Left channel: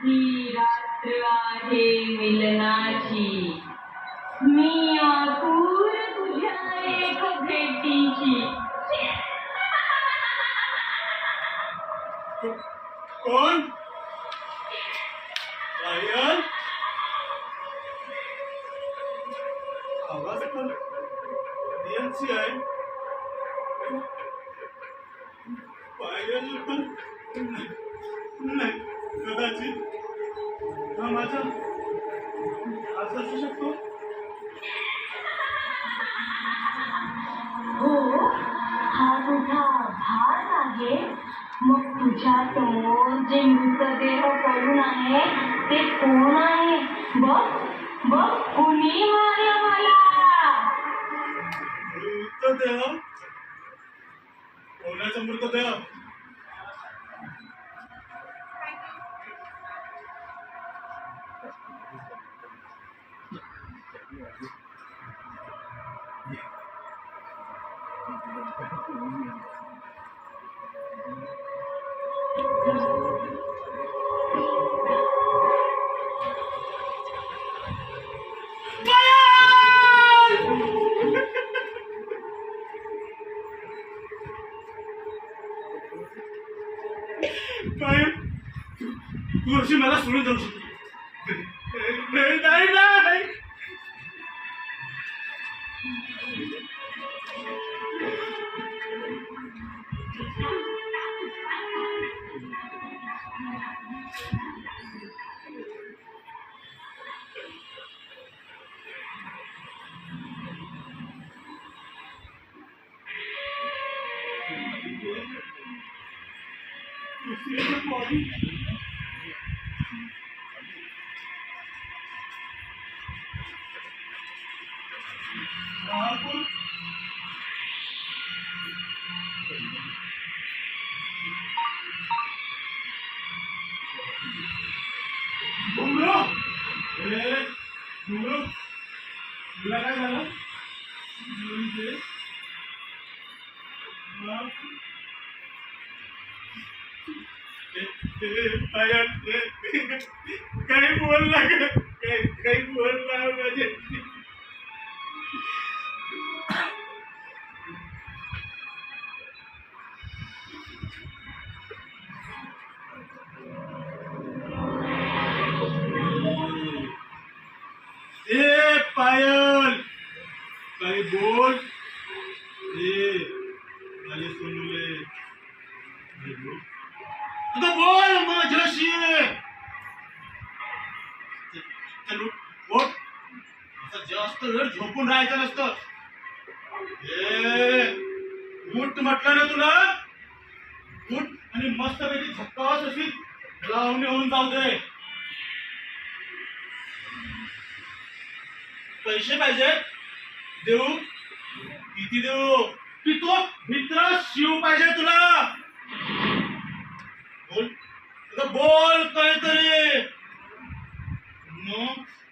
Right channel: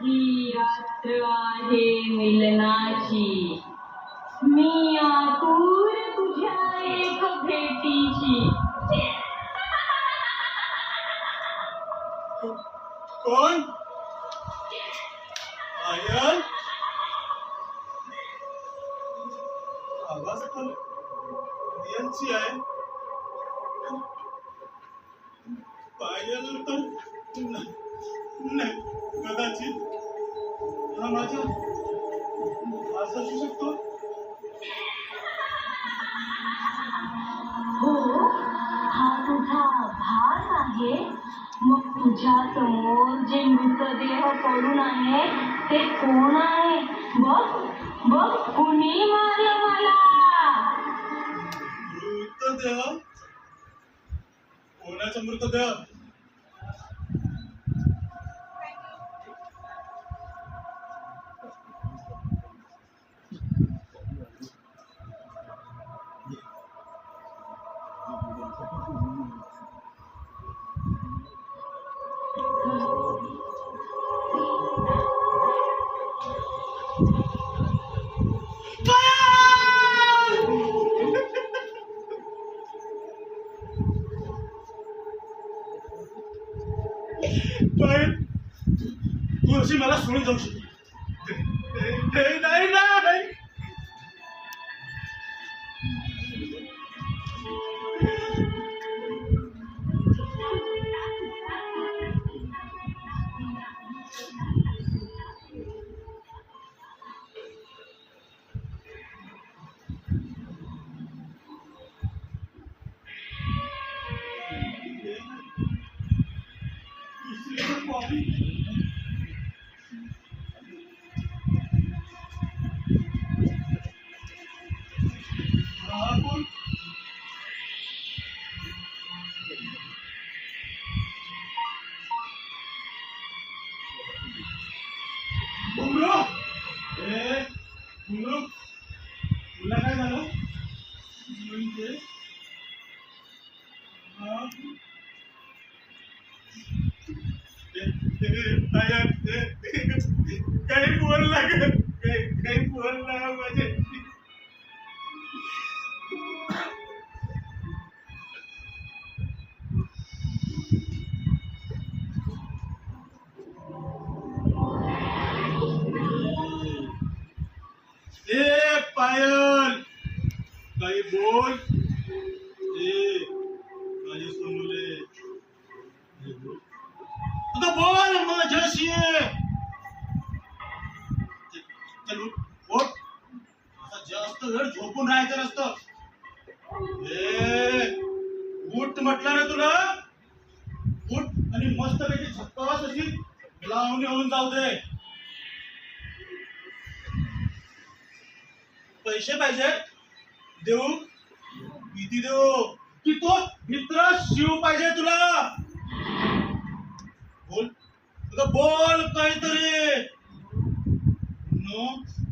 ही रात्र आहे मिलनाची, मी आतुर तुझ्या एक भेटीची. कोण? पायल? आवाज तर रियलची आहे. पायल तर नाही, कदाचित हा माझा असं असू शकतो. हो, हा तुझा भास आहे. मग तुझ्या समोर जे मृतदेह पडून आहे ते कोण आहे? बघ बघ, कुणी मारलं मला? मृतदेह? कोणाचा मृतदेह? पायल, तू अशी मला सोडून जाऊ शकतो? नाही नाही नाही. घुंगरू, घुंगरू, तुला काय झालं? म्हणजे काही बोलला का? काही बोलला म्हणजे ए पायल, काही बोल. ए माझे सोनूले, आता बोल माझ्याशी. चल उठ, आता जास्त वेळ झोपून राहायचं नसतं. ए उठ म्हटलं ना तुला. उठ आणि मस्तपैकी झक्कास अशी लावून येऊन जाऊ दे. पैसे पाहिजे? देऊ? किती देऊ? की तो मित्र शिव पाहिजे तुला? बोल, तुला बोल काहीतरी.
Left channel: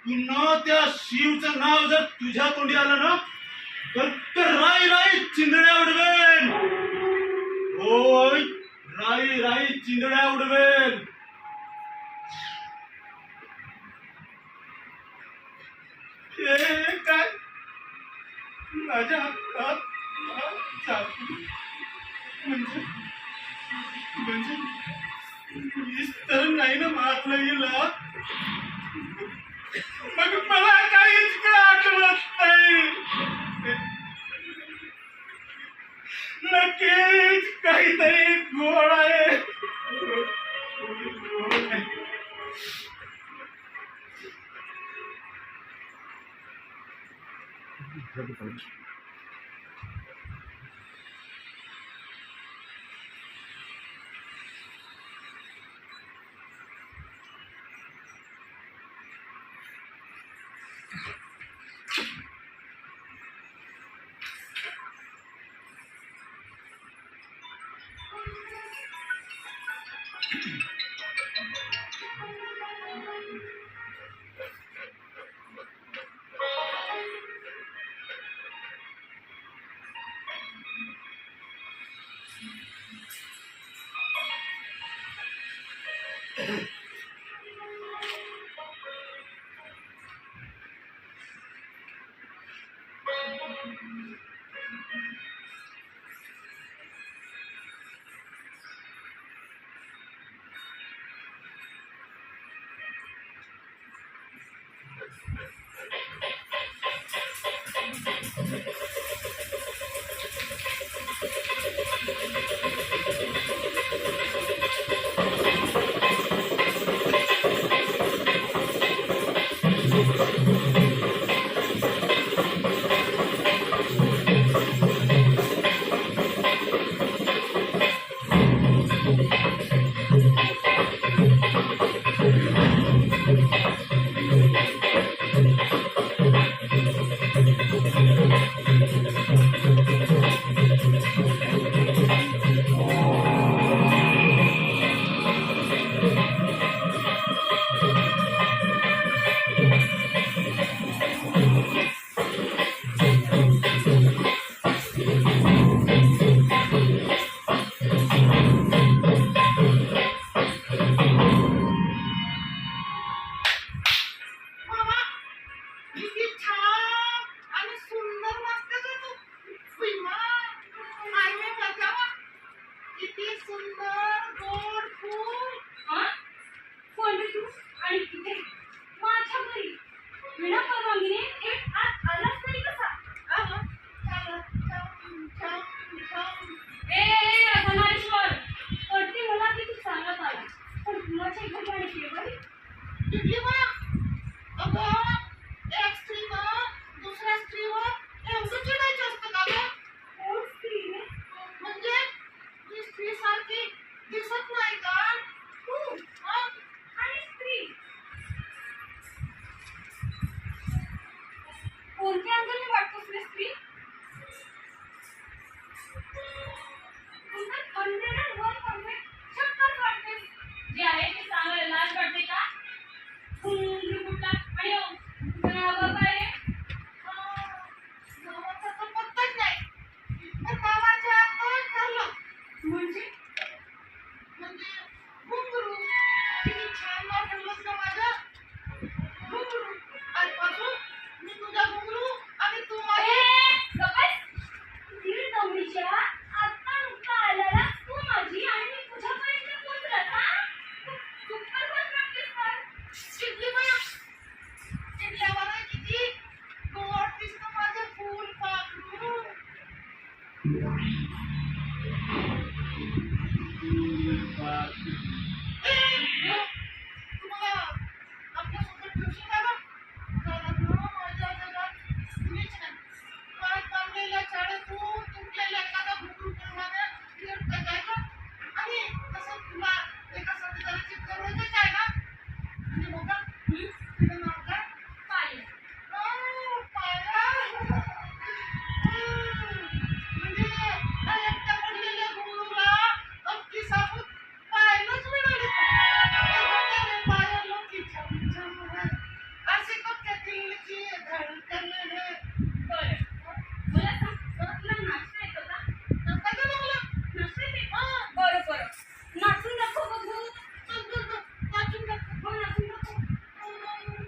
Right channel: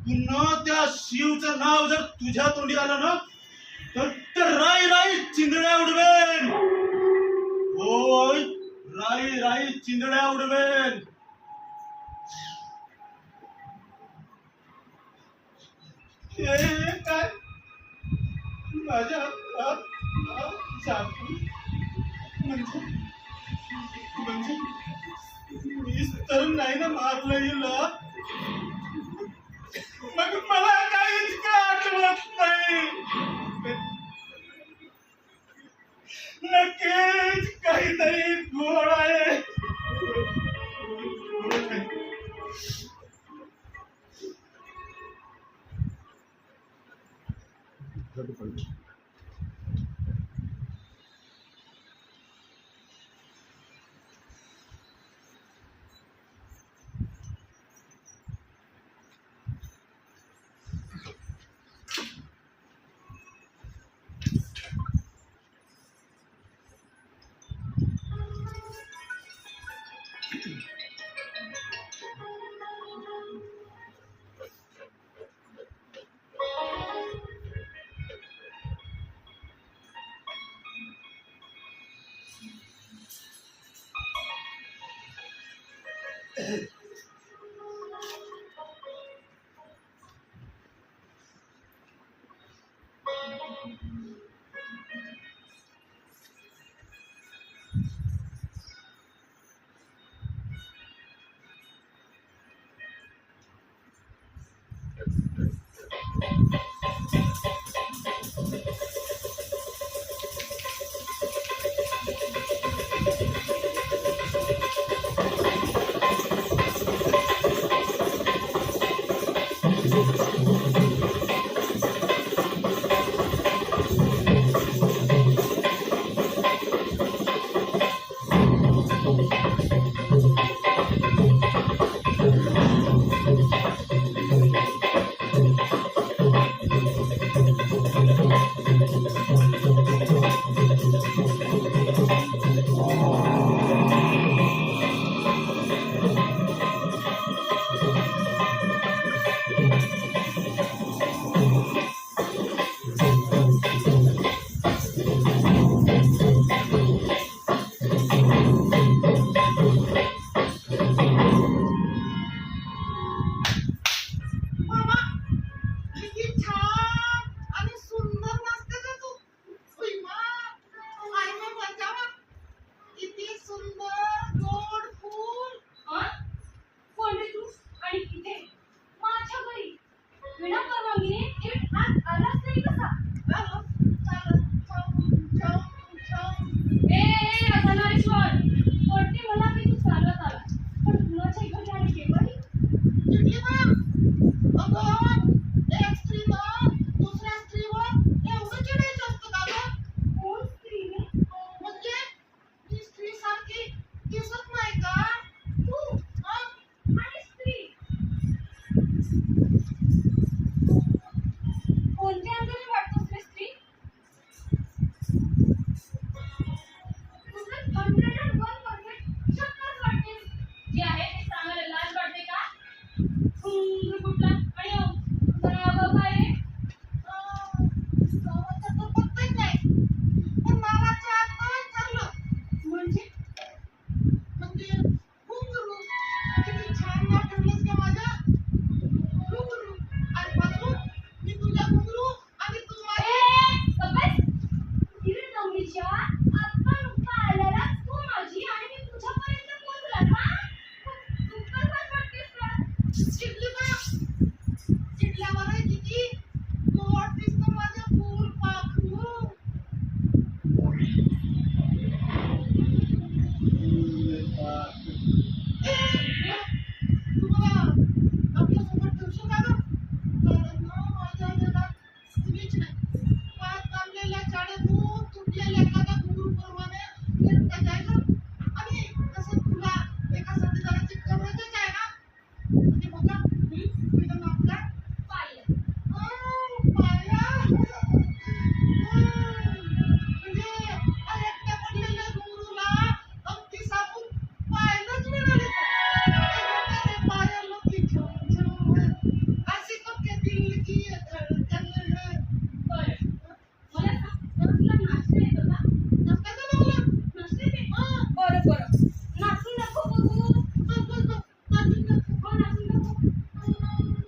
पुन्हा त्या शिवचं नाव जर तुझ्या तोंडी आलं ना तर राई राई चिंधड्या उडवेन. होय, राई राई चिंधड्या उडवेन. काय माझ्या चाकू म्हणजे म्हणजे मीच तर नाही ना मारलं गेलं. मग मला काहीच का आठवत नाही. नक्कीच काहीतरी घोळ आहे. चिडली बाया. चिडल्यावर किती गोड दिसतं माझं फुलपाखरू. तुम्हाला आपल्यासोबत ठेवशील का गं? कारण ना माझ्या जगात कुणीच नाही. पाय कापलेल्या शाळेतून तुटलेल्या एखादा घुंगरूप्रमाणे फिरता जायचं. आणि तसं तुला एकासाठी जरा चिटकवायचंच आहे ना. आणि बघा तिचं नाव काय? पायल. पाया. म्हणजे त्या एकट्या पडलेल्या घुंगरूला अगदी साबूत पायलच मिळाली. पायाला तिच्या अशी कपक्यातील जी धडकन आहे. बरं. मला सांग, तुला नाचता येतं का? नसतं का मला? नाचता येते? बरं बरं. नाचून दाखव बघू. नाचून दाखव. हो, नाचून दाखव.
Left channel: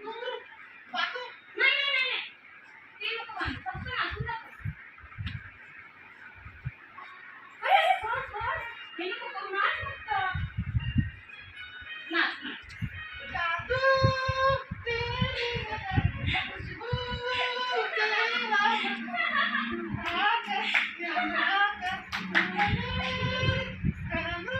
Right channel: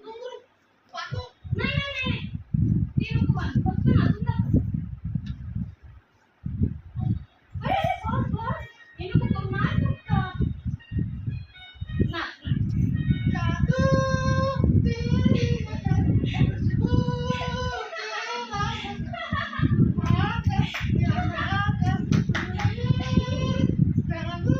घुंगरू बांधू. नाही. ते नको बांधू. फक्त नाचून दाखव. अरे, बस. हे नको करू. नाच फक्त. नाच. जादू तेरी नजर, खुशबू तेरा रंग, आकर यहाँ आकर तूने करूँ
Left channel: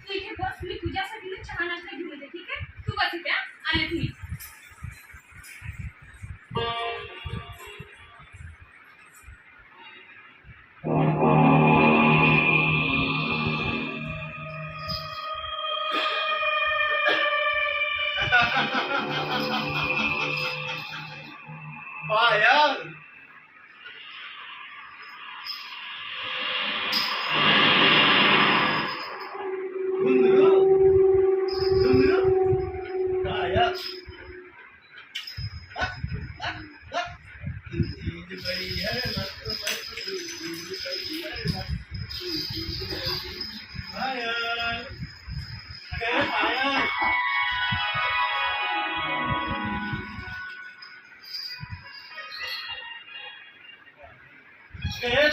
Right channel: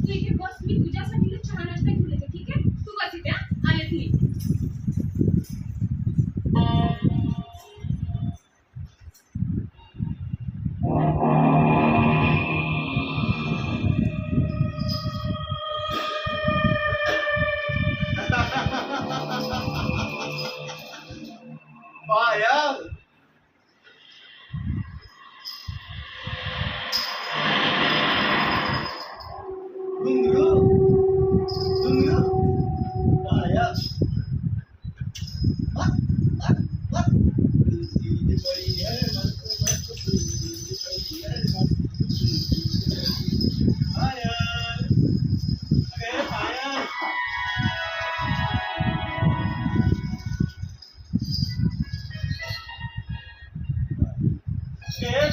तू इथे बस. मी तुझ्यासाठी ना चहा नाश्ता घेऊन येते. ठीक आहे? तू बस इथे. आलेच मी. पायल घुंगरू पायल तुझी बड़ी है मस्त तुझी बड़ी है पायल. अरे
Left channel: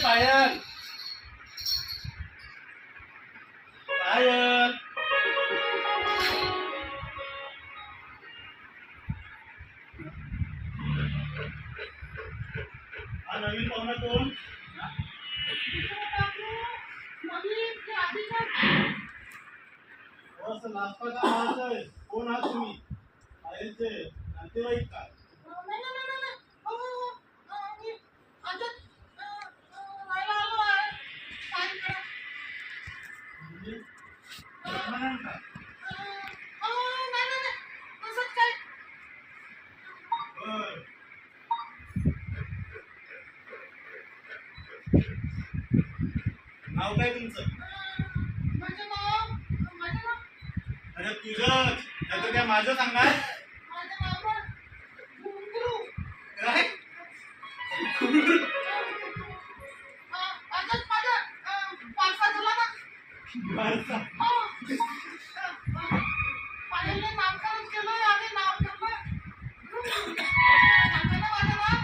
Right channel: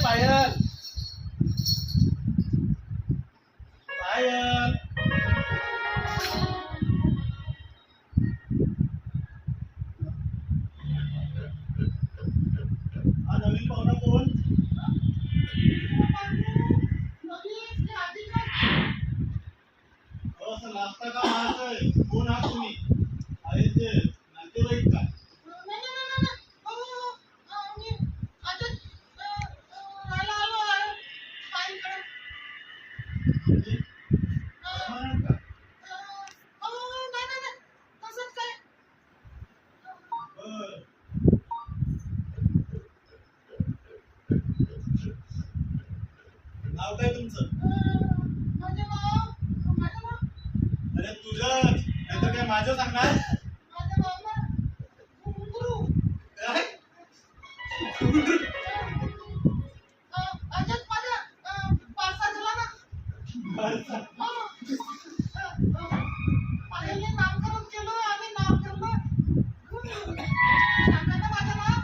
पायल. पायल. हा नवीन पाहुणा कोण? असं नाश्ता का मारतोय? कोण आहात तुम्ही? आहेत ते नातेवाईक का? म्हणाल का? बरं. नाव काय तुमचं? अरे तुझं नाही काय माझं सांगणार? काय? भारता. पायलने नामकरण केलं आणि नाव ठेवलं सांगा ना माझं नाव.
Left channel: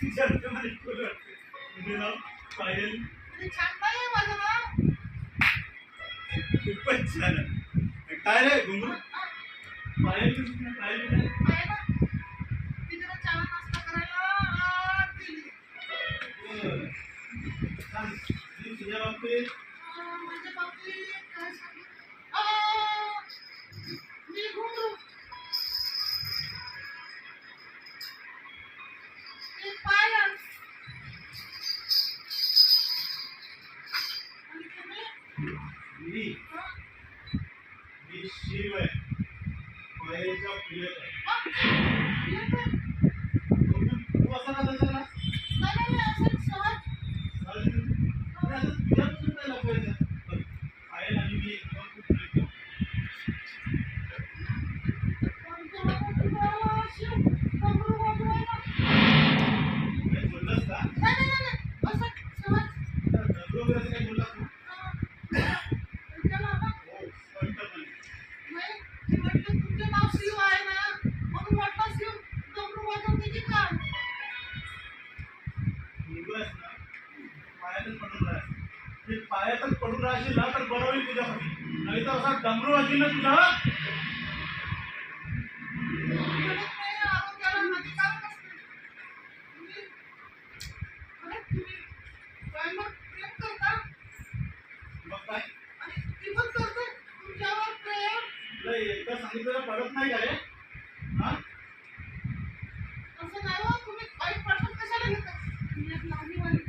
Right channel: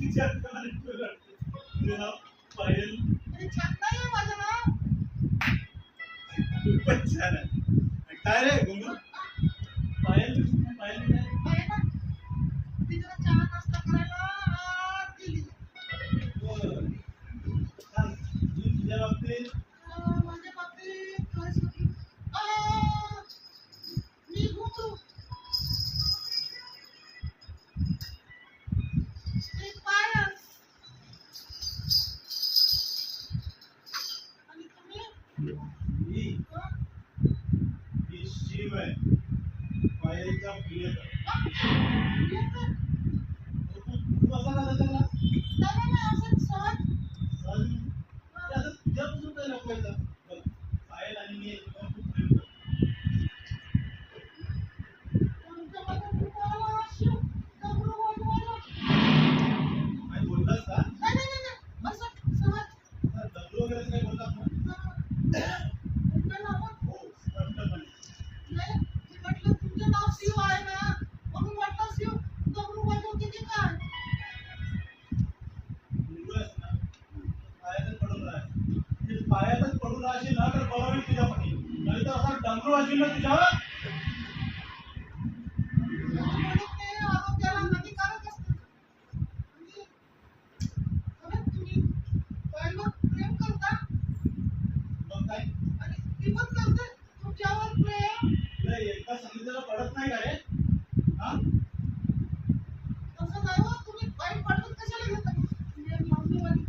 तुझ्या हातामध्ये कोण वाटते? तुझं नाव पायल. छान नाही माझं नाव. खूपच छान आहे. काय रे घुंगरू? पायल पायल काय? पाहिलं? तिला चहा नाश्ता करायला आत दिली. बरं. सांग, तुझ्या बाबतीत माझ्या बाबतीत काय सांगू? मी घुंगरू. मी पायल. आणि तुम्ही? मी शिव आहे. पायलचा प्रियकर. येते. तू असा का त्याचा ना? नाही, असं सहज. अरे आता तुझ्यापासून काय लपवायचं? बरं, पायल आणि मी एकदम खूप प्रेम करतो. कोणत्या बाबतीत तुम्हाला शिव घुंगरू वाजवायला? काय बोललास का? नाही, असं सहज. डबरू वगैरे काही बोललास ना? त्याला ना हो, पण तर असा डमरू वाजवी ना तुझा. म्हणत नाही, आरोग्याला हानिकारक असते. तुम्ही बाईंवर प्रेम करता मग काय आणि ती पण करते तुमच्यावर प्रेम. तुला एकदा सांगितलं पडत नाही का रे? हा तसं नाही हो, तुम्ही बाई पडत कशाला घेता? ती एक लावणीवाली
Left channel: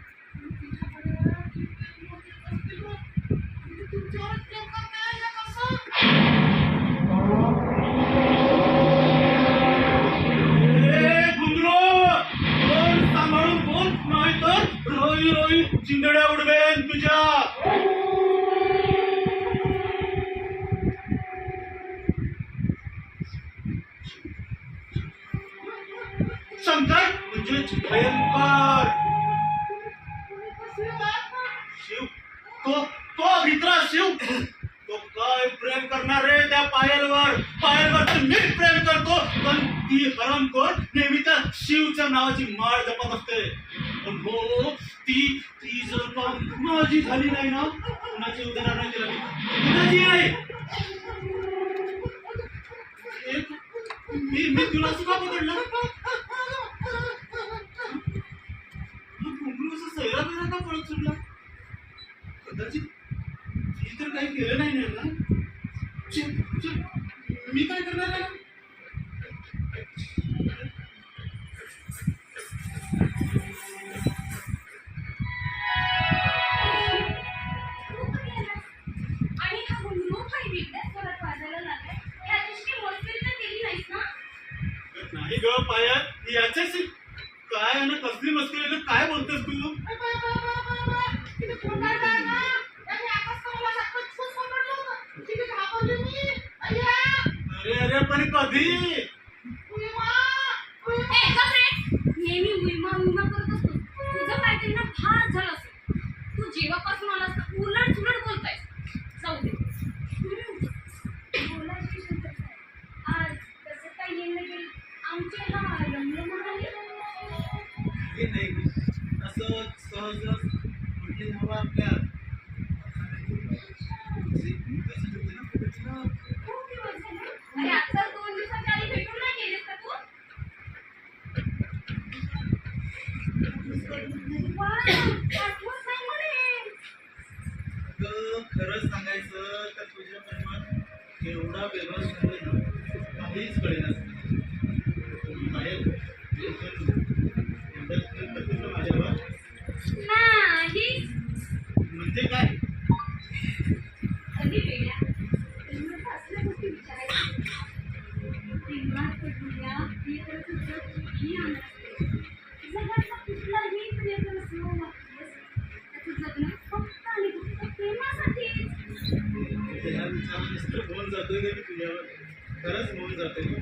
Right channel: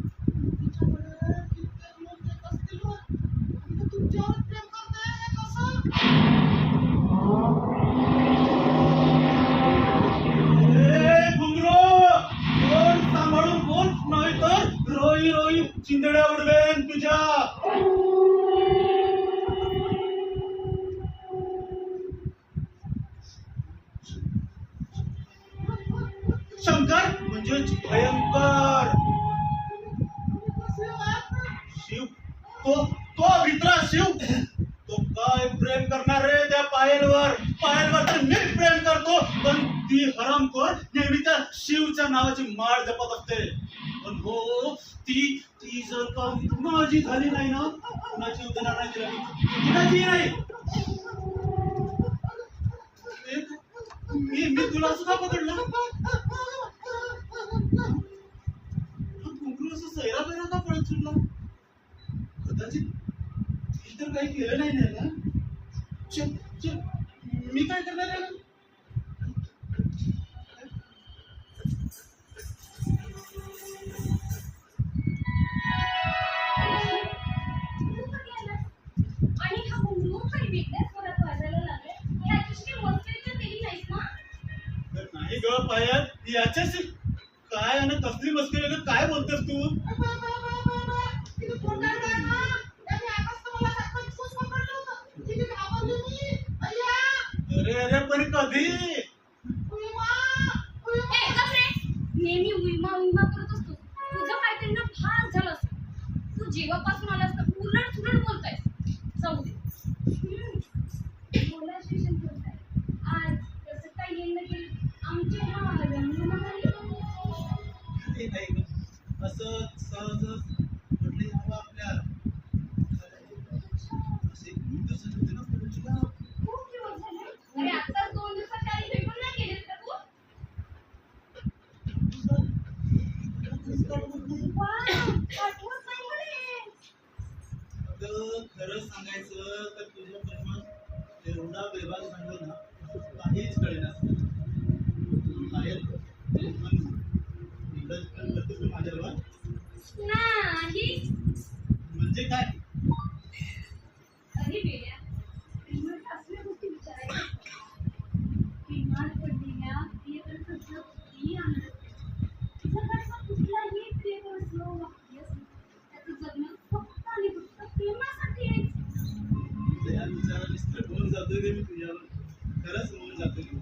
तिच्याकडे कित्येक लोक येत असतील हो. आणि ती तुमच्यावर प्रेम करते हे कसं? ए गुंगरो, तोंड सांभाळून बोल, नाही तर रोई रोई चिंदड्या उडवेन तुझ्या. शंकर म्हणजे भयंकर. तुम्ही कसे आहात ना? शिव, तो तो भित्रा शिव, तो काय प्रेम करणार रे त्या पायलवर. पायलवर तर मी प्रेम करतो, पण ती हरामखोर नेहमी त्या शिवच्या नावाची माळ जपत असते. पण हो, ती ती जर का माझी झाली नाही ना, कुणाची उदाहरण नाही दिला मी, कुणाची नाही. मी तुला सुद्धा पकडलं. कुंकू असं सैरा बिरा का पळत सुटला? कदाचित ती तर काही केलं नाही ना. चल चल, मी काय करणार आहे? आणि हा गुंगरू काही वेगळ्याच स्वरात वाजायला लागलाय. याच्याशी काही मस्करी तर केली नाहीस ना? नाही ग पायल, याच्याशी काय आणि कसली मस्करी, काय बोलतेस तू? किती खोटारडा आहे ना. त्याने आताच तर मला सचमुच पकडलं होतं. किती घाबरली मी. अय्या अरे अरे पण कधी? उयमा, ए, उयमा. गप रे. नेहमी उइमा उइमा करत असतो. तुझं काहीतरी ना फार झालं असेल. तू जेव्हापासून आलास ना उलट सुलट बोलतायस. जाऊ दे. बोलायची शंकर साहेब. आज कसं काय येणं केलं आमचे हा रंग म्हणाले. हे नाही ग, असं सहज कुठली हवा आपल्या असे दर्शन होते ना तुला. खूप दिवस झाले. अरे आत्ताच 2 दिवसाच्या आधी भेटून नाही गेलीस का तू? वा, आठवत नाही म्हणे. अगं, खरं सांगायचं तर तुझ्या प्रेमात एवढा वेगळा झालोय ना, काहीच कळेना. पायल, एवढंच प्रेम करतेस ना माझ्यावर? नाही. म्हणजे काय? कधी वेगळ्या प्रेमात असल्या गोष्टी विचारायच्या. प्रेमात पडलेल्या प्रियकराचं किती आनंद असते. जगातला कुठलाही प्रियकर वाक्य त्याचं जगणं फक्त आणि फक्त प्रेमासाठीच. या विचारानेच तर मोहन जातोय रे मी तुझ्यावर. खरंच मोहन जातोय मी.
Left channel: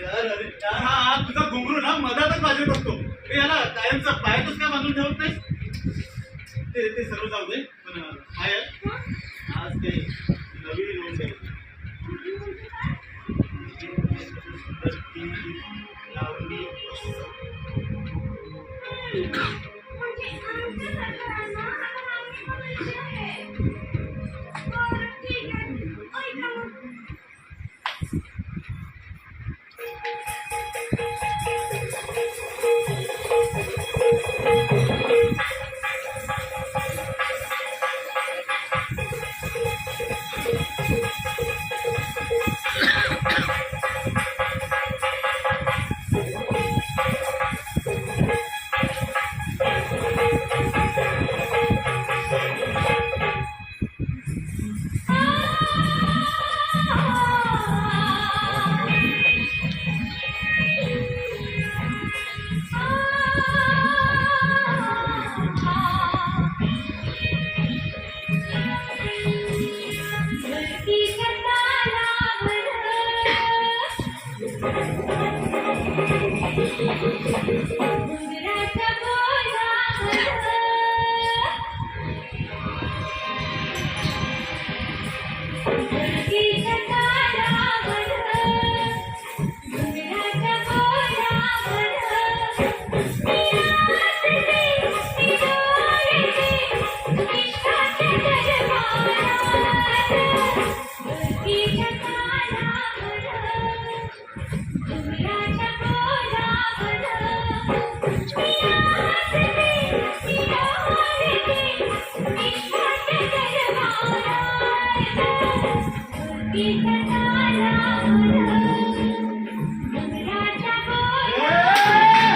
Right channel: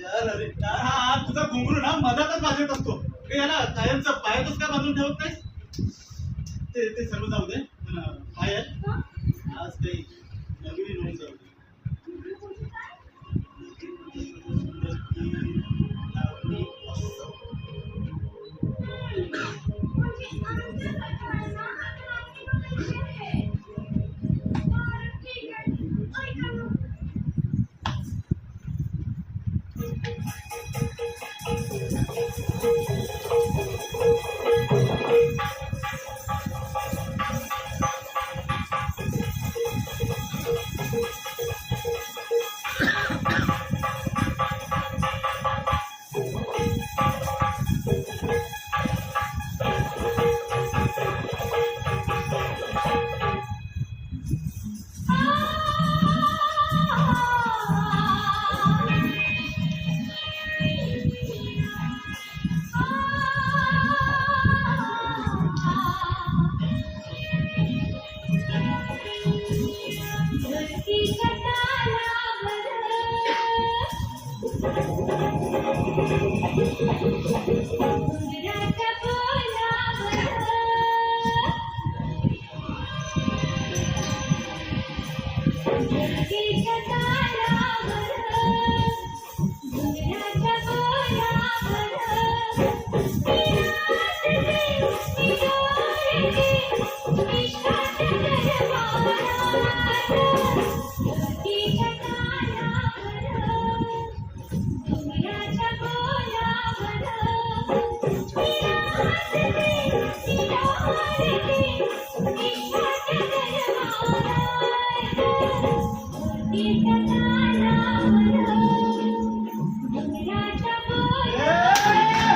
यार अरे यार, हा तुझा घुंगरू ना मधातच वाजत असतो. ते याला कायमचा पायातच का बांधून ठेवत नाहीस? ते सर्व जाऊ दे, पण पायल आज काही नवीन होऊन जाईल. सुंदर ती लावणी असं. म्हणजे आमच्यासारखं राहणं आता आम्ही बघायचे आहे. बरं, ठीक आहे. ऐका मग.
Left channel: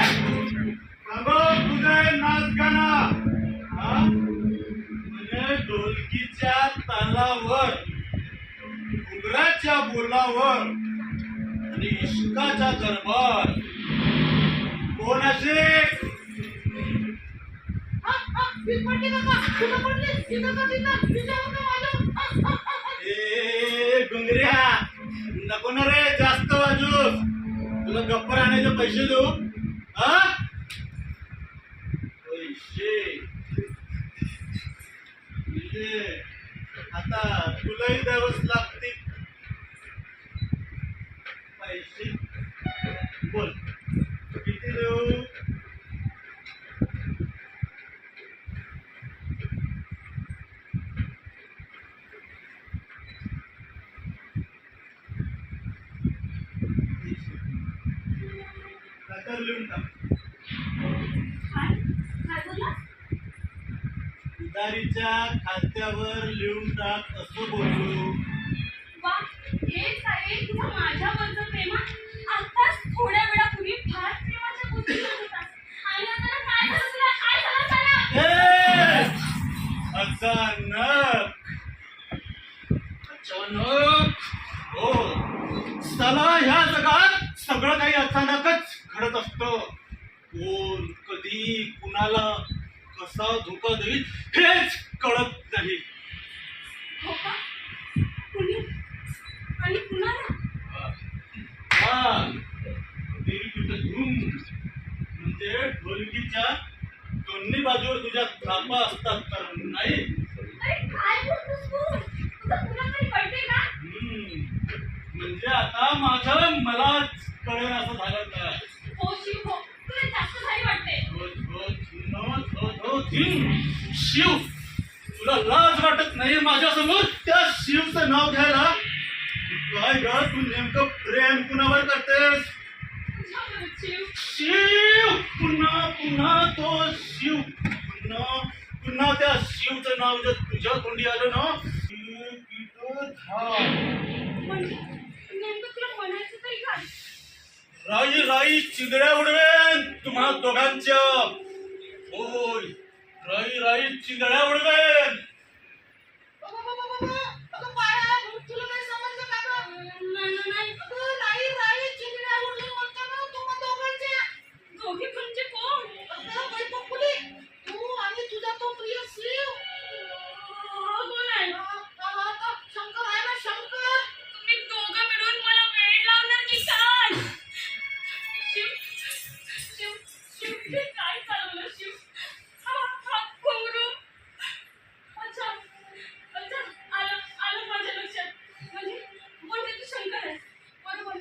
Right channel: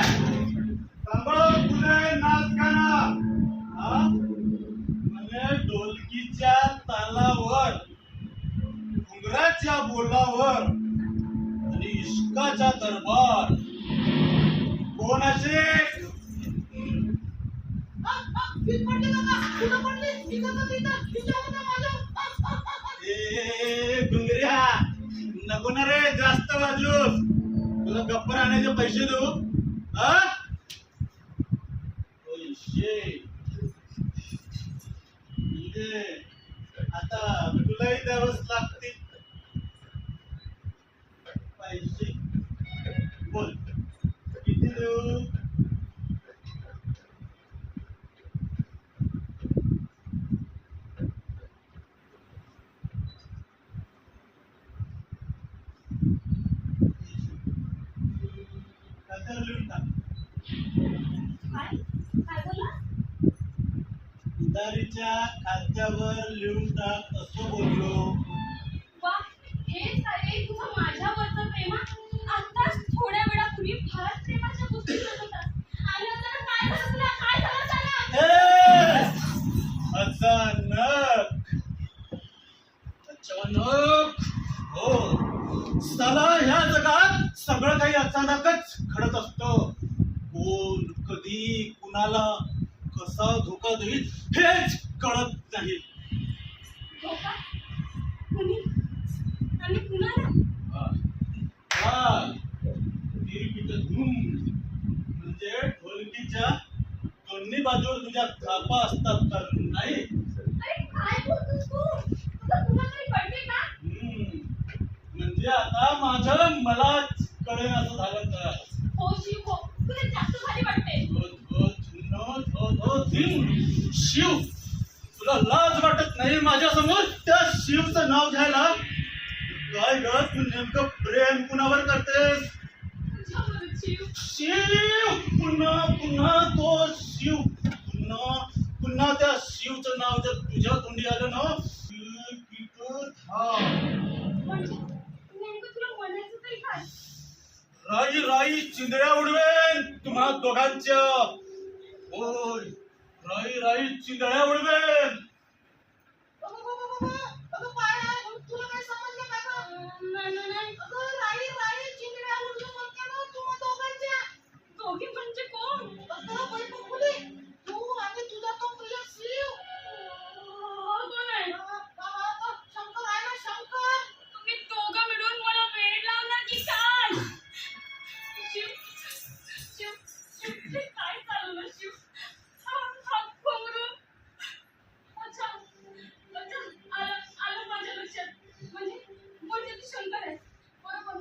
सांगो तुझे नाच गाणं हा म्हणजे ढोलकीच्या तालावर घुंगराच्या बोलावर आणि इश्काच्या दरबार कोणाचे ए घुंगऱ्या नको ना रे जास्त वाजू तुला गप्प राहण्याचे पैसे देऊ हा पैसे म्हणजे आता तुलाही द्यावंच लागते पैसे बोल किती देऊ आता लिहून टाक उधारीच्या खात्यावर लिहून टाक असं बोललो वा, हेच आहे तुझं माझ्यावरचं प्रेम. आताच थोड्या वेळापूर्वी फार प्रेमाच्या गोष्टी करत होतास. आणि आता काय झालं तुला? काय झालं अचानक? अचानक अचानक हो साला ह्या जगात सगळं काही अचानकच घडत असतं कोण कधी कुणाला कसा धोका देईल हेच कळत नाही हो का? कुणी? आणि कुणाला? हा दिलपिट धूम म्हणजे ढोलकीच्या दोन्ही बाजूवर तुझ्या थापा असतात तर नाही अरे काय बोलतोस तू? तुझं तुला काही कळते का? म्हणजे आता माझं मलाच कळेल असं झालं तर हो शिव हो, तुला जास्त भारी वाटते. शिव तुला लाज वाटत नाही माझ्यासमोर त्या शिवचं नाव घ्यायला काय ग तू नेमकं प्रेम कुणावर करतेस तुझ्यावरच शिव. शिव पुन्हा पुन्हा तो शिव पुन्हा त्या शिवचं नाव जर तुझ्या तोंडी आलं ना म्हणजे नेमकं तुला म्हणायचं तरी काय? राई राई चिंधड्या उडवेन तुम्हा दोघांच्या होय राई राई चिंधड्या उडवेन दोघी म्हणजे कोण? कोण आहे? तुम्ही दोघं मिळून मला वेड लावणार की काय? शिव शिव शिव हे काय चालवलं शिव? हा घुंगरू. अच्छा अच्छा आलं माझ्या लक्षात. म्हणजे तू शंकर आहेस बरोबर.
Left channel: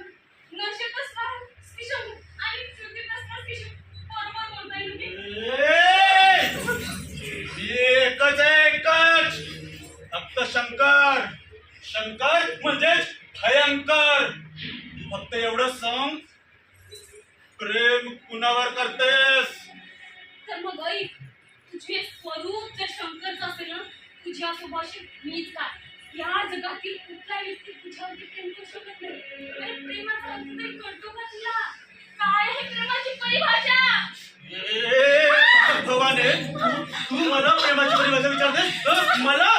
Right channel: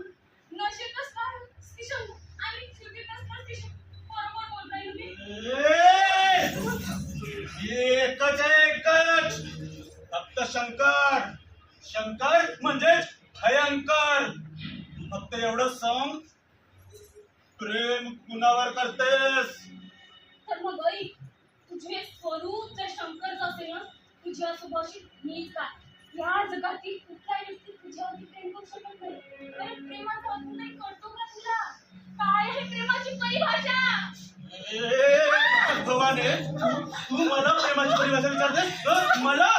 नशेत असलास की शंकर आणि श्रुतीत असलास की शिव. बरोबर बोलताय ना मी? एकच एकच फक्त शंकर शंकर म्हणजेच भयंकर फक्त एवढं सांग प्रेम कुणावर करतेस तर मग ऐक, तुझे स्वरूप जर शंकरचं असेल ना, तुझ्या सुभाषित मीच काय या जगातील कुठला व्यक्ती तुझ्यावरती प्रेम करू शकत नाही. अरे प्रेमाचा अर्थ तरी कळतो का तुला? काय आहे प्रेमाची परिभाषा? भगवाने तू मला प्रेमाची परिभाषा विचारते मला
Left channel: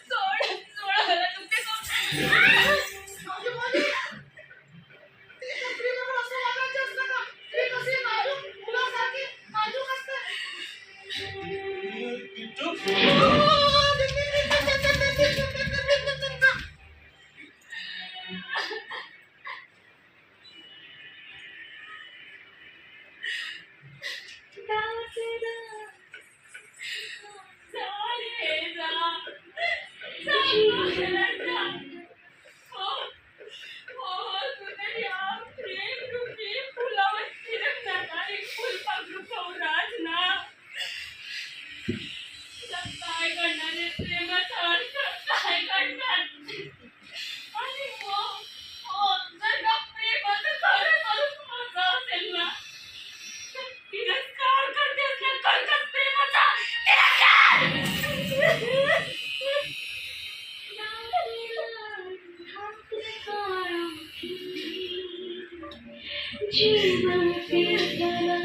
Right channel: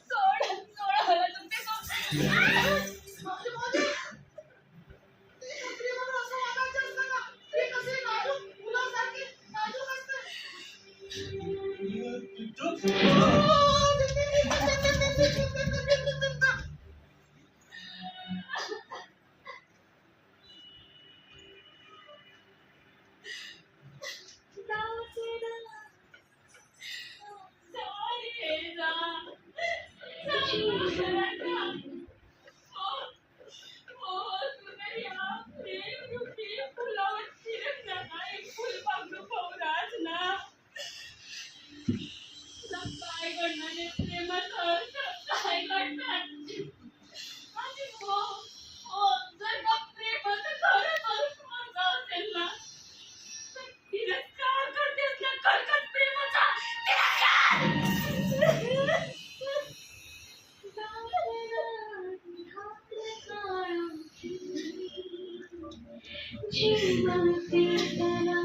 सोड सोड मला तुझे सोड. जीवन कीर्तना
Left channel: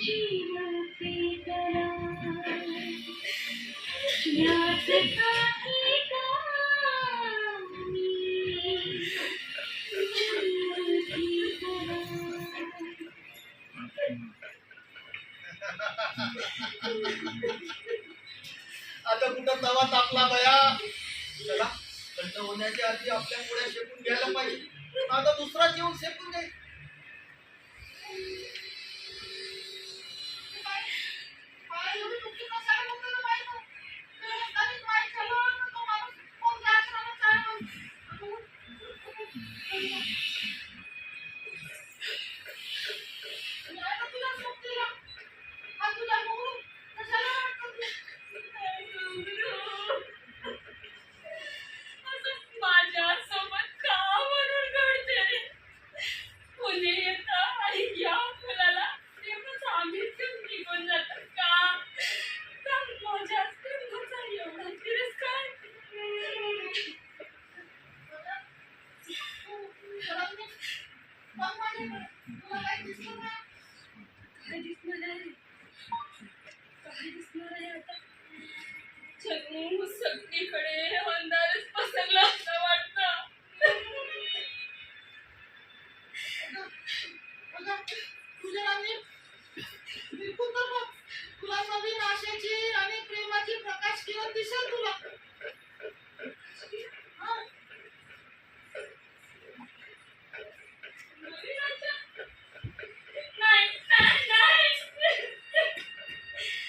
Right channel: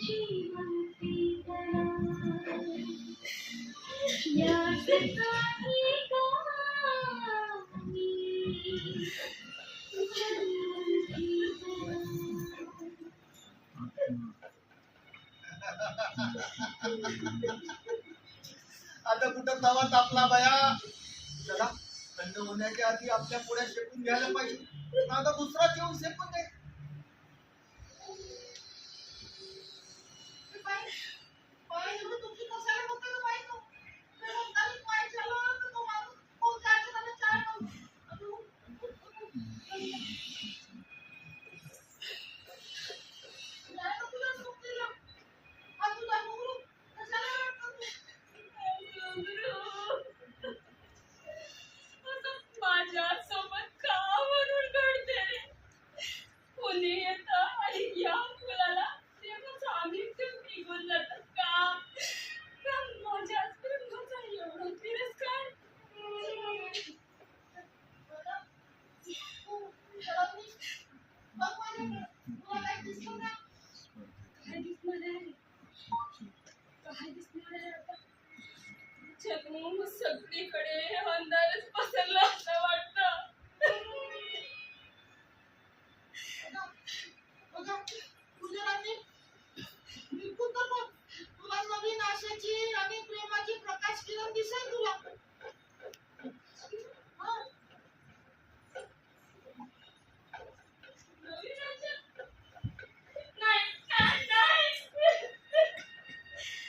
जीवन कीर्तना याद काही कहाणी जीवन कीर्तना आता कुठं तवा तापला बया. चला थंड होण्याच्या आधी आपल्या पोळ्या शेकून घ्यायला पाहिजे. आता दुसरा जेवण शेकून घे. माझ्यासोबत का म्हणून घडते रे? कोणी येतं आणि या मुलाला तेव्हाच आम्हीच निघून जातात का? का माझ्याच प्रेमाचा एवढा तिरस्कार? काय दिसणार आहे? काय दिसणार आहे आता? जणू सगळीकडे अंधारच पसरला असं वाटतं. तुला नवीन आशेची आणि प्रेमाची प्रकाश किरण दिसेल तुला. नवीन आशा? नाही, नाही, नाही.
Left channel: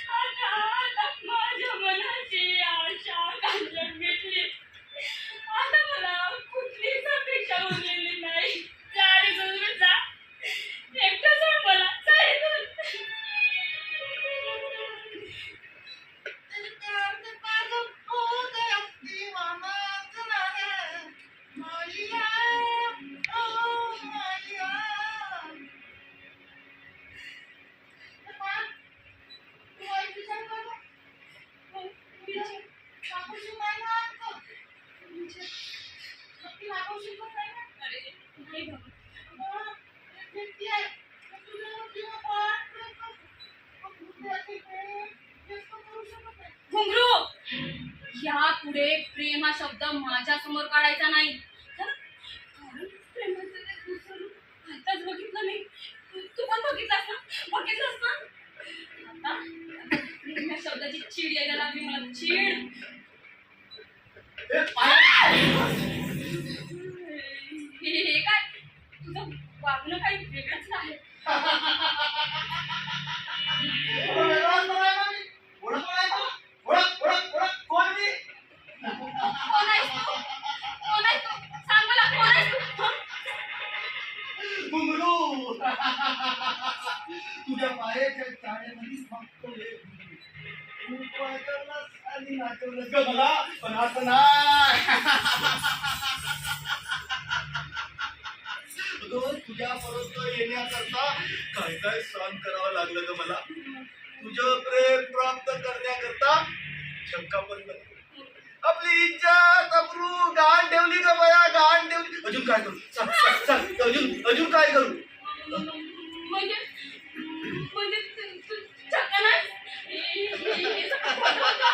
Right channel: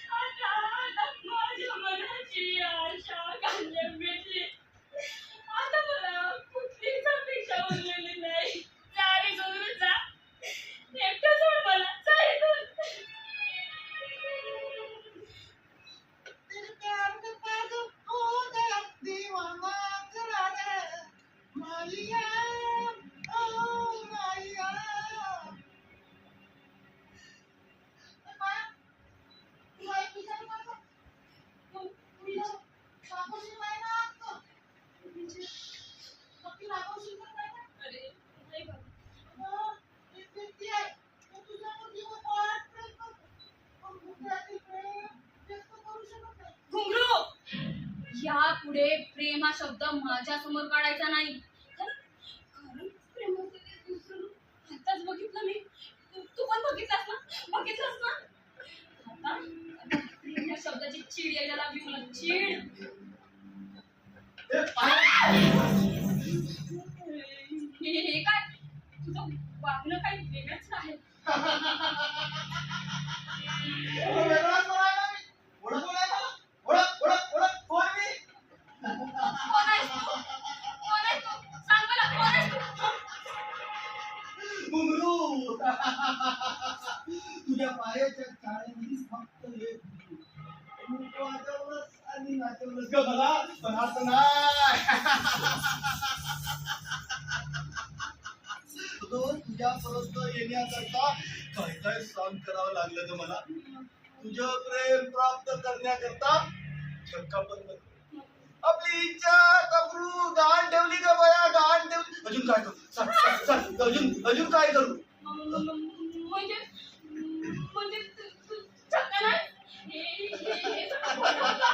आता माझ्या मनाची आशा घालून घेतली. आता मला कुठलीच अपेक्षा उरलेली नाही. जा रे गौरी जा. एकटं सोड मला. जा इथून. तेरे प्यार में पागल हो गया दीवाना तेरा है माहिया ओ माहिया. तू आई विचार कर ना. तू रागवशील नाही ना आता? नक्की रागवशील तर नाही ना? अरे नाही बाबा. अगं, एक व्यक्ती आहे तो तुझ्यावर जीव वाटतो. पण मुद्द्याची प्रेम व्यक्त करू शकत नाही. घुंगरू, यापुढे प्रेम हा शब्द माझ्या समोर काढायचा नाही. कारण प्रेमाचं ते दुसरं रूप आताच बघितलं मी. तू पण बघितलास ना? बघितलंस ना? आता प्रेम या शब्दाची चीड यायला लागली मला. चीड. ए, पाय. हे काय? तुझं वागणं काही वेगळंच आहे. वेगळाच करायला ना मी. ओळख ओळख ओळख ओळख ओळख कोण मी? कोण आहेस तू? कोण आहेस तू? सांग मला कोण आहेस तू? हं? घुंगरू. तुझ्या पायाच्या चाळ्यामध्येच फक्त एक घुंगरू. तू वाजवलंस आणि नाचवलंस ग मला, पण असं नाही. तुझ्यापर्यंत येण्याकरता काय काय सहन करावं लागलं ग मला. तुझं प्रेम प्राप्त करण्याकरता शंका पण करतो. आपली इज्जत अब्रू गहाण ठेवली ग बया, गहाण ठेवली. अजून काय करू? सांग सांग सांग. अजून काय करू? म्हणजे म्हणजे तू चक्क नाही? हे सगळं खोटं होतं?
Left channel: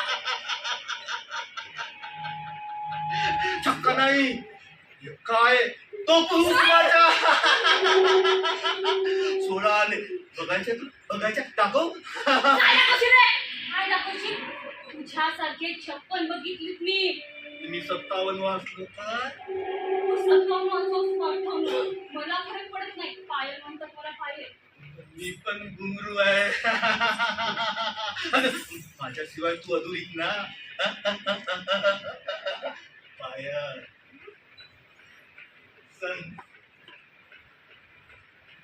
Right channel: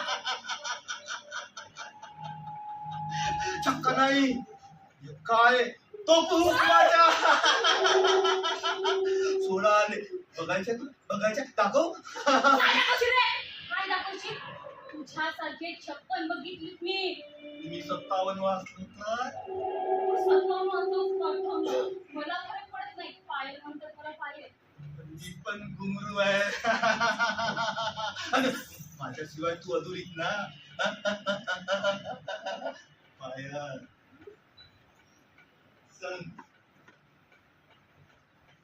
चक्क नाही. हे काय तो पुरुष माझ्या. सोडा आले. बघायच्या तू बघायच्या दाखव. काय दाखवशील रे? काय दाखवशील? तुझ्यासारखे 56 बघितलीत मी. मी 57 वाचलो तर तू 57 असोस 58. मला फरक पडत नाही. पायल म्हणतात मला पायल. मी पण घुंगरू आहे. अन माझ्याशिवाय तू अधुरीच ना. पायल सांग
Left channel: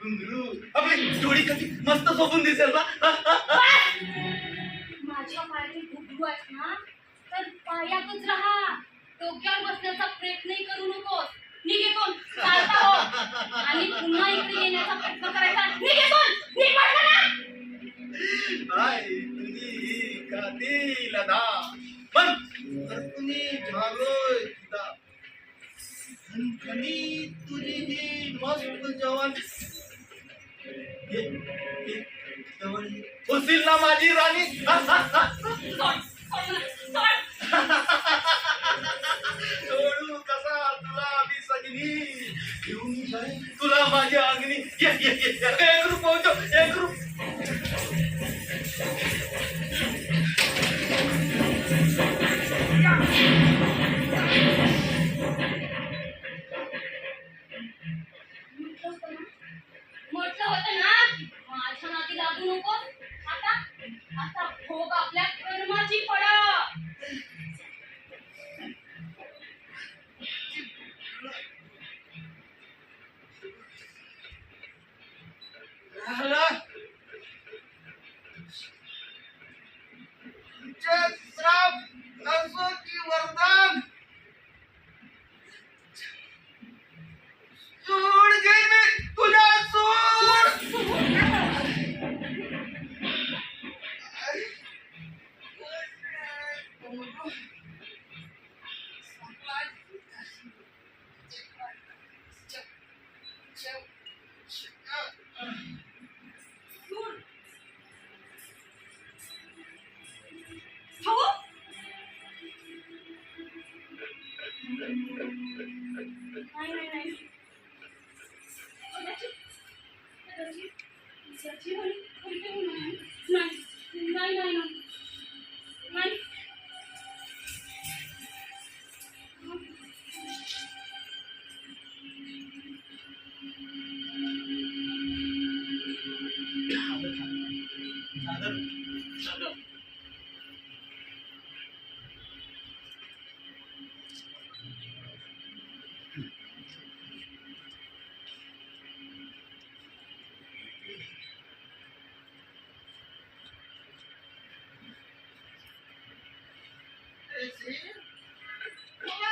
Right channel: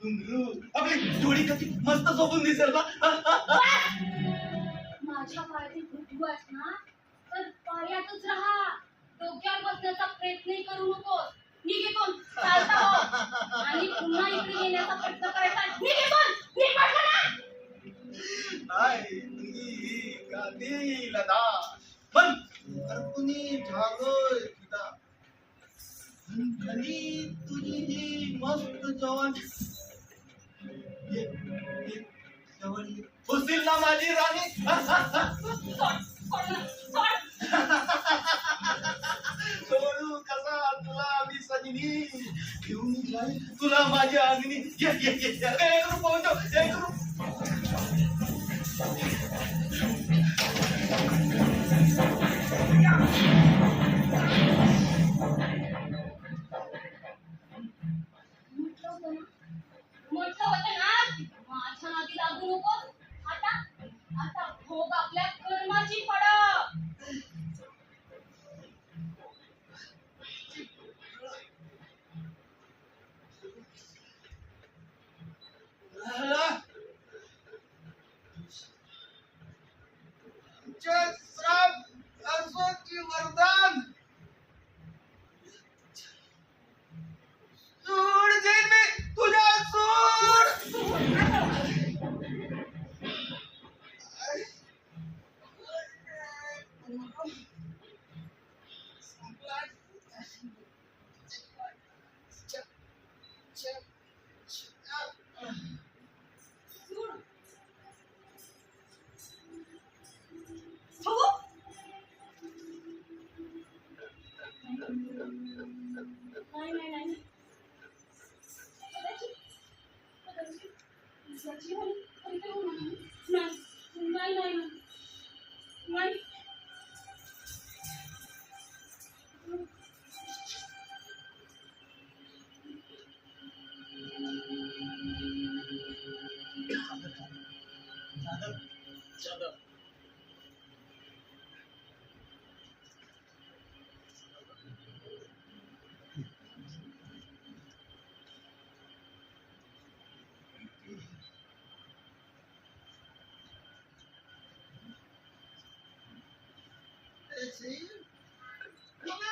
घुंगरू आपली जोडी कधी मस्त झोपून दिसेल ना. माझ्या पायातील घुंगरू आहेस ना, तर पायातच राहा. डोक्यावर बसण्याचा प्रयत्नही करू नकोस. निघेतून चालता हो आणि पुन्हा इकडे येण्याचा प्रयत्न करायचा निघेतून निघ पटकन. हाय तुझी ही कातील अदा पण तुनी झालोय तुझा खनखनी तुझी ही मस्त जवान ये जवान होशील ना माझी राणी. सोड सोड मला सोड. सोडू कसा तुला मी सजनी घेऊन जाई तुला माझ्या अग्नी. ये ये ये एक रूप पोहोचो एक रूप. म्हटलं होतं ना माझ्या नादी लागू नको. आता आता भोग आपल्या कर्माची फळ. राहिला तुमचे श्राप असो की वरदान सूड घेईन मी तुझ्या सूड. हो नाही नाही नाही कदाचित कदाचित त्याची हरी हरी नाही नाही नाही नाही. मला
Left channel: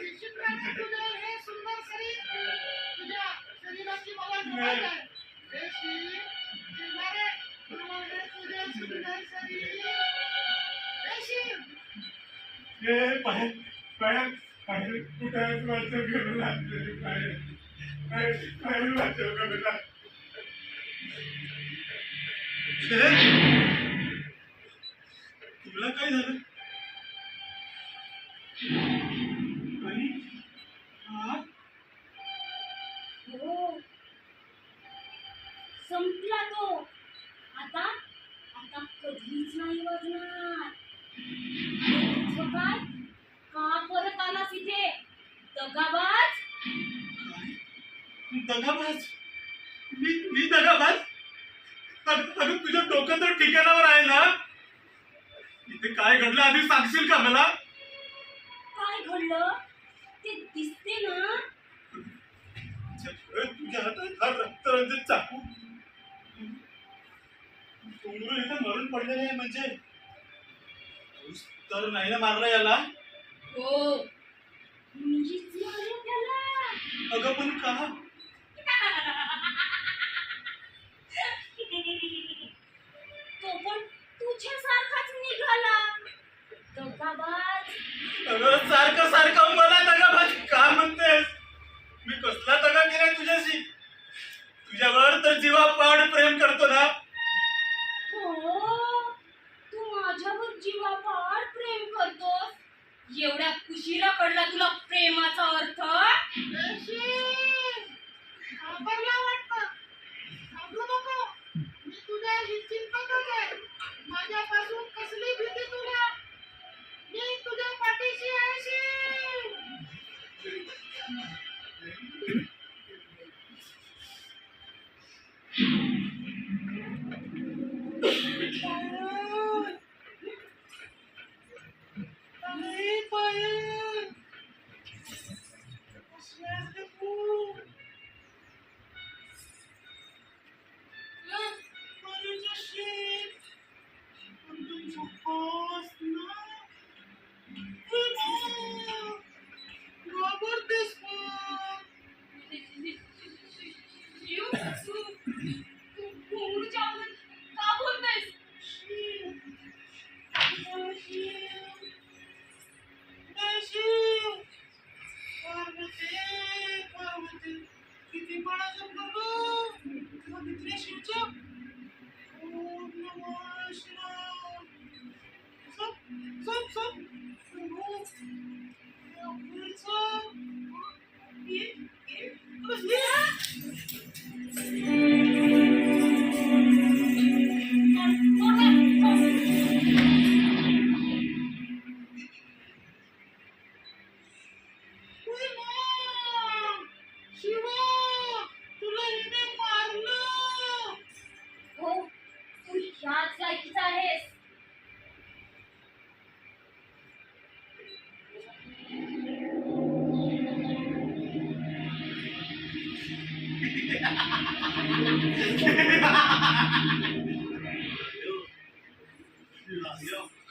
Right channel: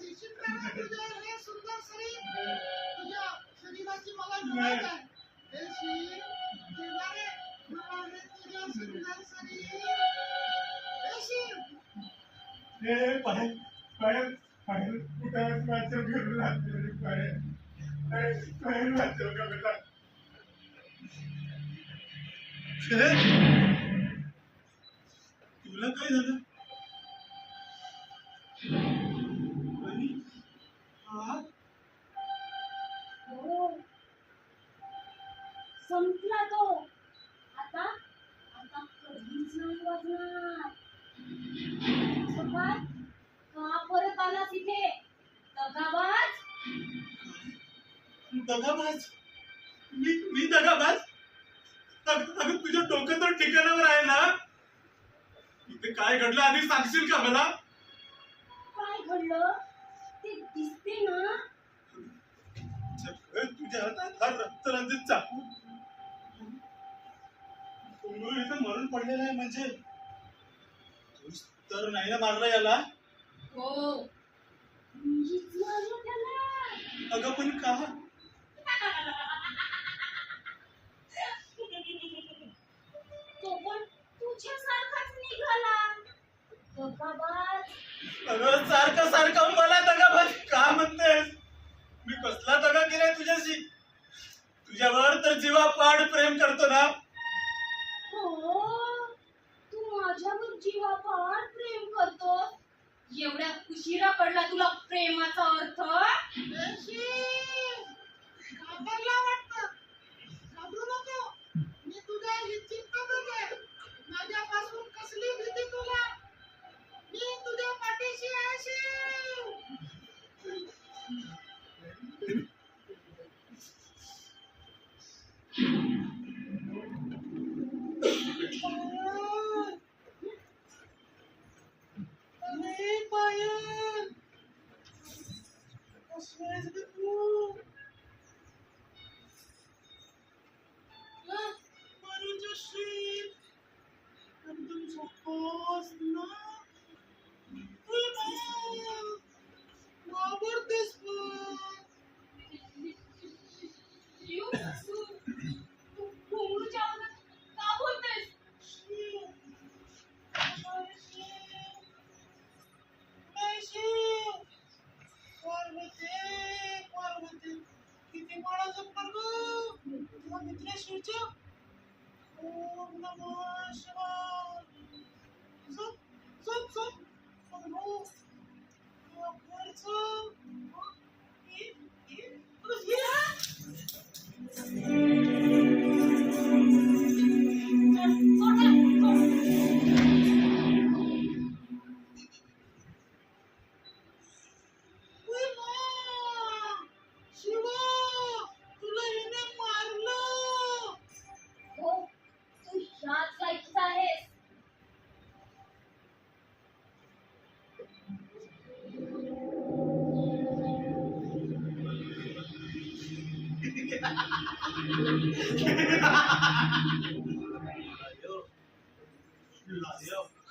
शिक्षकाने तुझे हे सुंदर शरीर तुझ्या शरीराची मला ओळख आहे. हे शिव देवाने बनवले तुझे सुंदर शरीर. हे शिव हे पाय पाय पाय कुठं वाचव करू लागले पाय पाय पाय वाचव करू लागले. तुला काय झालं आणि हात हो संपला तो. आता आता कधीच नाही वाजणार. तुझं काय का परत आलास इथे दगाबाज. दगाबाज मी दगाबाज. अगं तुझ्या डोकं तर ठिकाणावर आहे ना. इथे काय घडलं आधी सांगशील का मला. काय घडलं ते दिसते ना. तुझ्या हातात हा रक्तरंजित चाकू उमरू इथं मरून पडलेलं आहे म्हणजे तूच तर नाही ना मारला याला. हो मीच मारलं त्याला. अगं पण का. तो पण तुझ्यासारखाच निघाला दगाबाज. अगं सारखं सारखं मला दगाबाज का म्हणतेस. मी कसला दगा केलाय तुझ्याशी. तुझ्यावर तर जीवापाड प्रेम करतो ना. हो तू माझ्यावर जीवापाड प्रेम करतोस. एवढ्या उशिरा कळला तुला प्रेमाचा अर्थ. हे शिव घाबरला वाटतं. घाबरू नको. मी तुझ्या चिंततच आहे. माझ्यापासून कसली भीती तुला. मी तुझ्या पाठीशी आहे शिव. पायल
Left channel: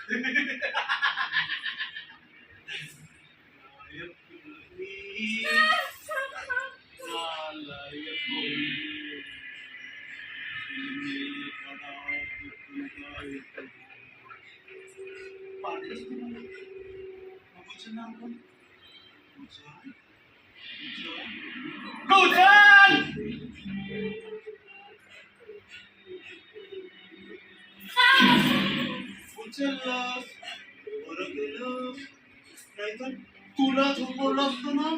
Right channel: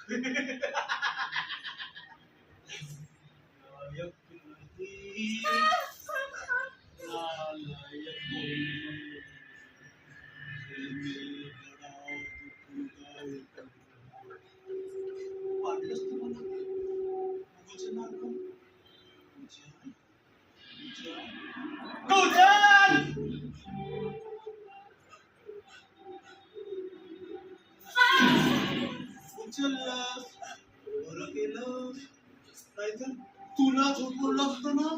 नायक मुलगी, नालायक मुलगी, जिने बडा दुःखदायक पाडलंस तू मला. बघूचं नाव काय? गुजर, गुजर, उचललास, बरं केलं, नाहीतर तुला झोपवलं असतं ना.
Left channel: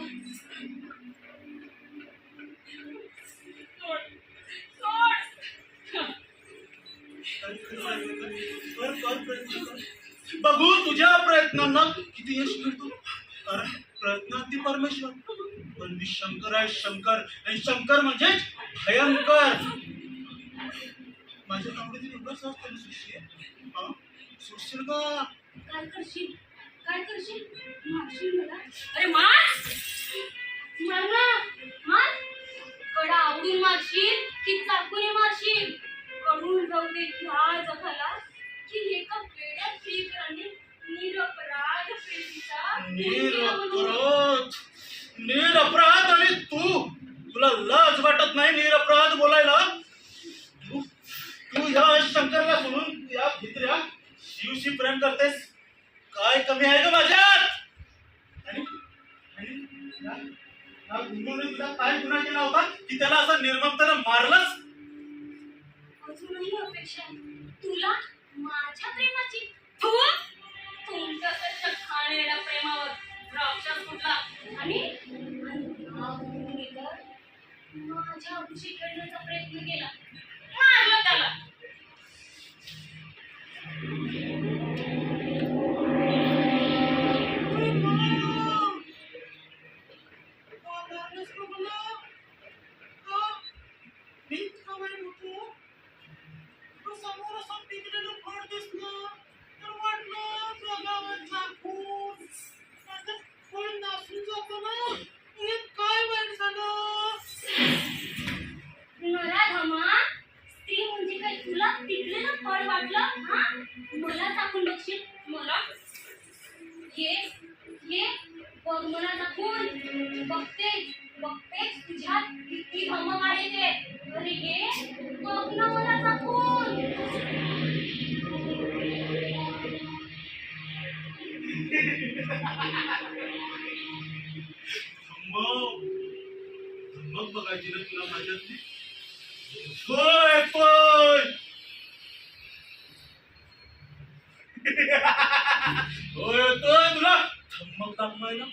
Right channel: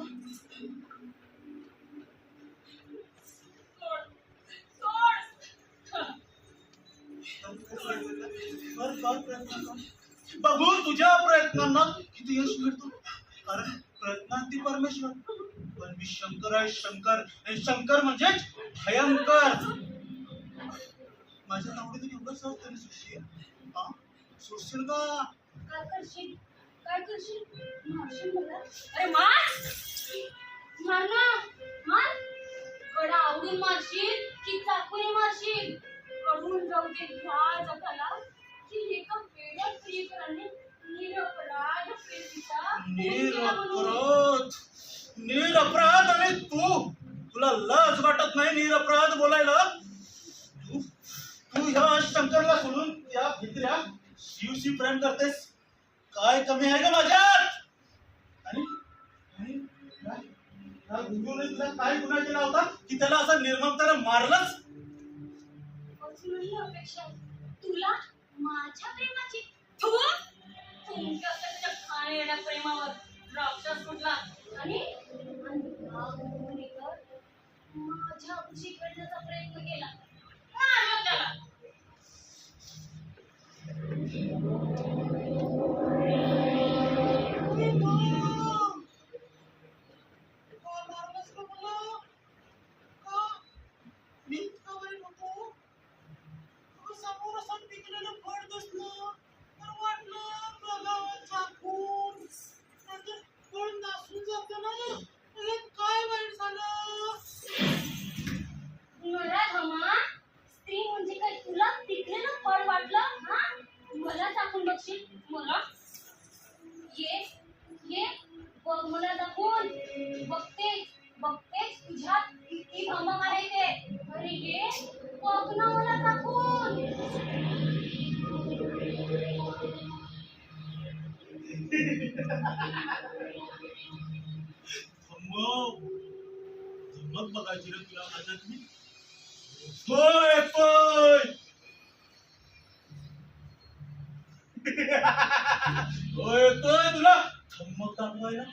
कर प्रयत्न कर. बघू तुझ्या प्रयत्नांना किती यश मिळतो. कारण प्रयत्नांती परमेश्वर, पण मी शंकर आहे, शंकर. आणि शंकर म्हणजेच भयंकर. माझ्या नावाने एवढं सहज तरी सुटशील? हा, सुटशील का? काय करशील? काय करशील? मारशील मला? अरे मार! मार ना! मार! कडा आवडून मारशील की चाकूने मारशील? कडून राहू दे ह्या जगाला की एका वेड्या प्रियकराने निरपराध प्रेमीचा खून केला म्हणून. निरपराध आणि तुला लाज वाटत नाही निरपराध बोलायला? तू ह्या शंकरला सोडून या भित्र्या शिवशी प्रेम करतेस. काय कमी आहे का माझ्यात? आणि या गुंडूने तुला काय गुन्हा केला होता की त्याला असं निर्ममतेने मारलंस? अजूनही अपेक्षा आहे तुला माझ्या प्रेमाची. तुमच्या खाणेल्या प्रेमावर राक्षस कुठला आणि या गुंडूने तर माझ्या खुशी खेळण्याचा प्रयत्न केला. मारलं त्याला. नराधमा, स्त्री म्हणजे काय तुला पिकलेलं फळ वाटलं? हा, मला टाकून बघशील? मला ये बघ मला दाखवून. बघतेच तुझ्यात किती धमक आहे ते. अरे ये बघ ना मला दाखवून. धमक बघायची रे तुला माझ्यातली? होय होय होय होय तुला धमक दाखवायला.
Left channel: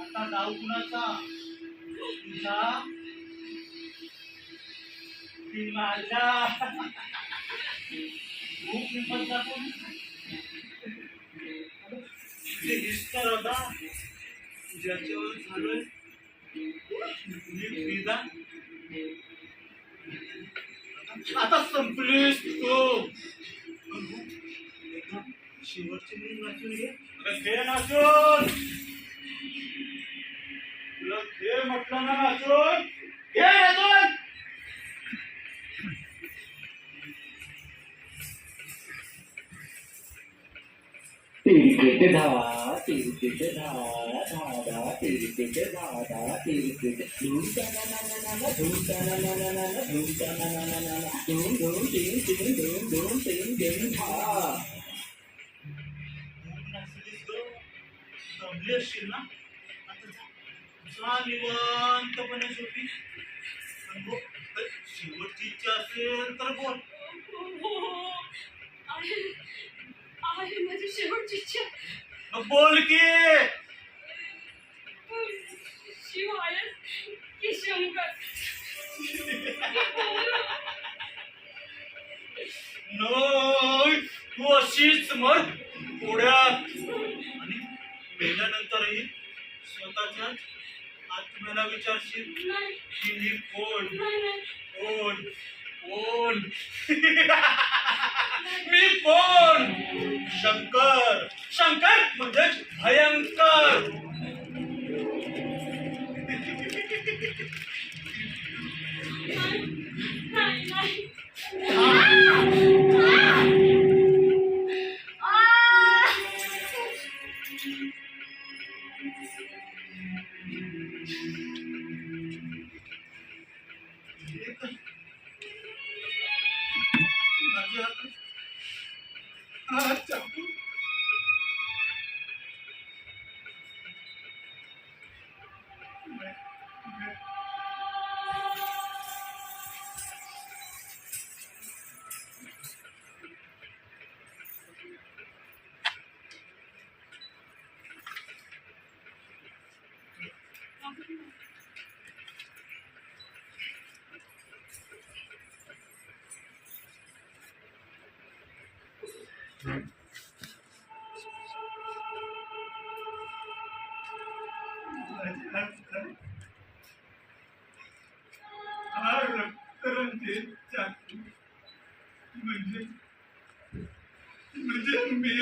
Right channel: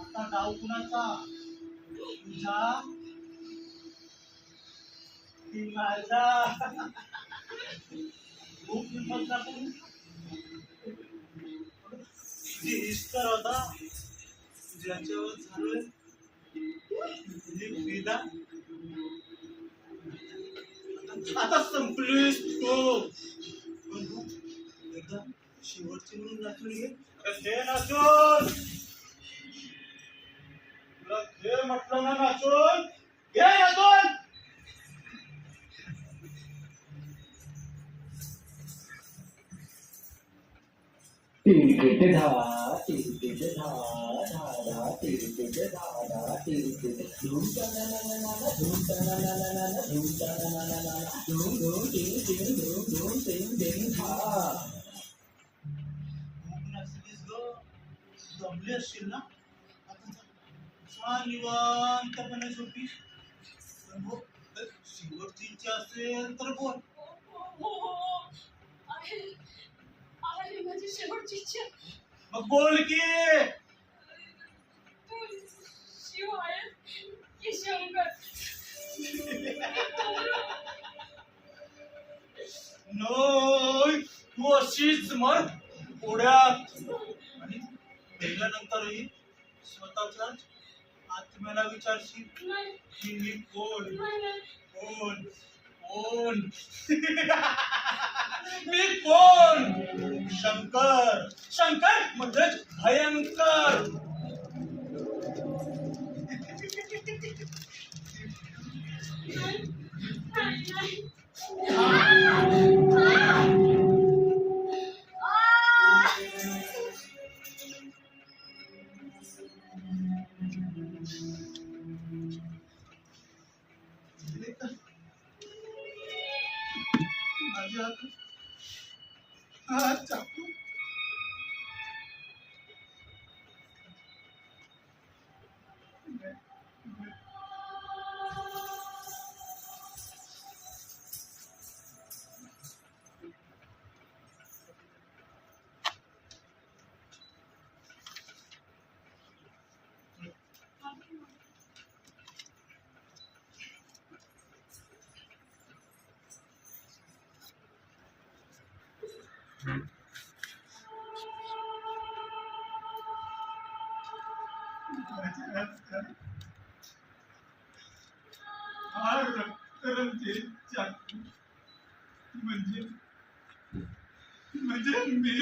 आता डाव कुणाचा? तुझा की माझा? खूप हिंमत दाखवून इस्तर होता ज्याच्यावर झालोय फिदा. आता संपलीस तू. एकदा शेवटची म्हणून नाचून घे. घे नाचून. तुला घे म्हटलं ना नाचून. घे नाचून. तिरकेट धावा तिरकेट धावा धावा तिरकेट धावा धावा तिरकेट धूमता ना ना ना ना धूमता ना ना ना ना धूमता ना ना ना ना धूम धूम टिंग टिंग धूम धूम टिंग टिंग धा. दमली असशील ना? आता जा निवांतपणे झोपी. पण हो, शेवटची इच्छा असेल तर बोल. आहे माझी शेवटची इच्छा. मग बोल की. शिव आहे की शंकर? नाही, तू अशीच मर पुढ्यात. आणि मेल्यानंतरही स्वतःच्या आत्म्याला विचारशील नाही की मी कोण नाही कोण कोण मी कोण शंकर शंकर म्हणजेच भयंकर नाही नाही माझ्या हात चाकू हा रक्तरंजित चाकू म्हणजे मी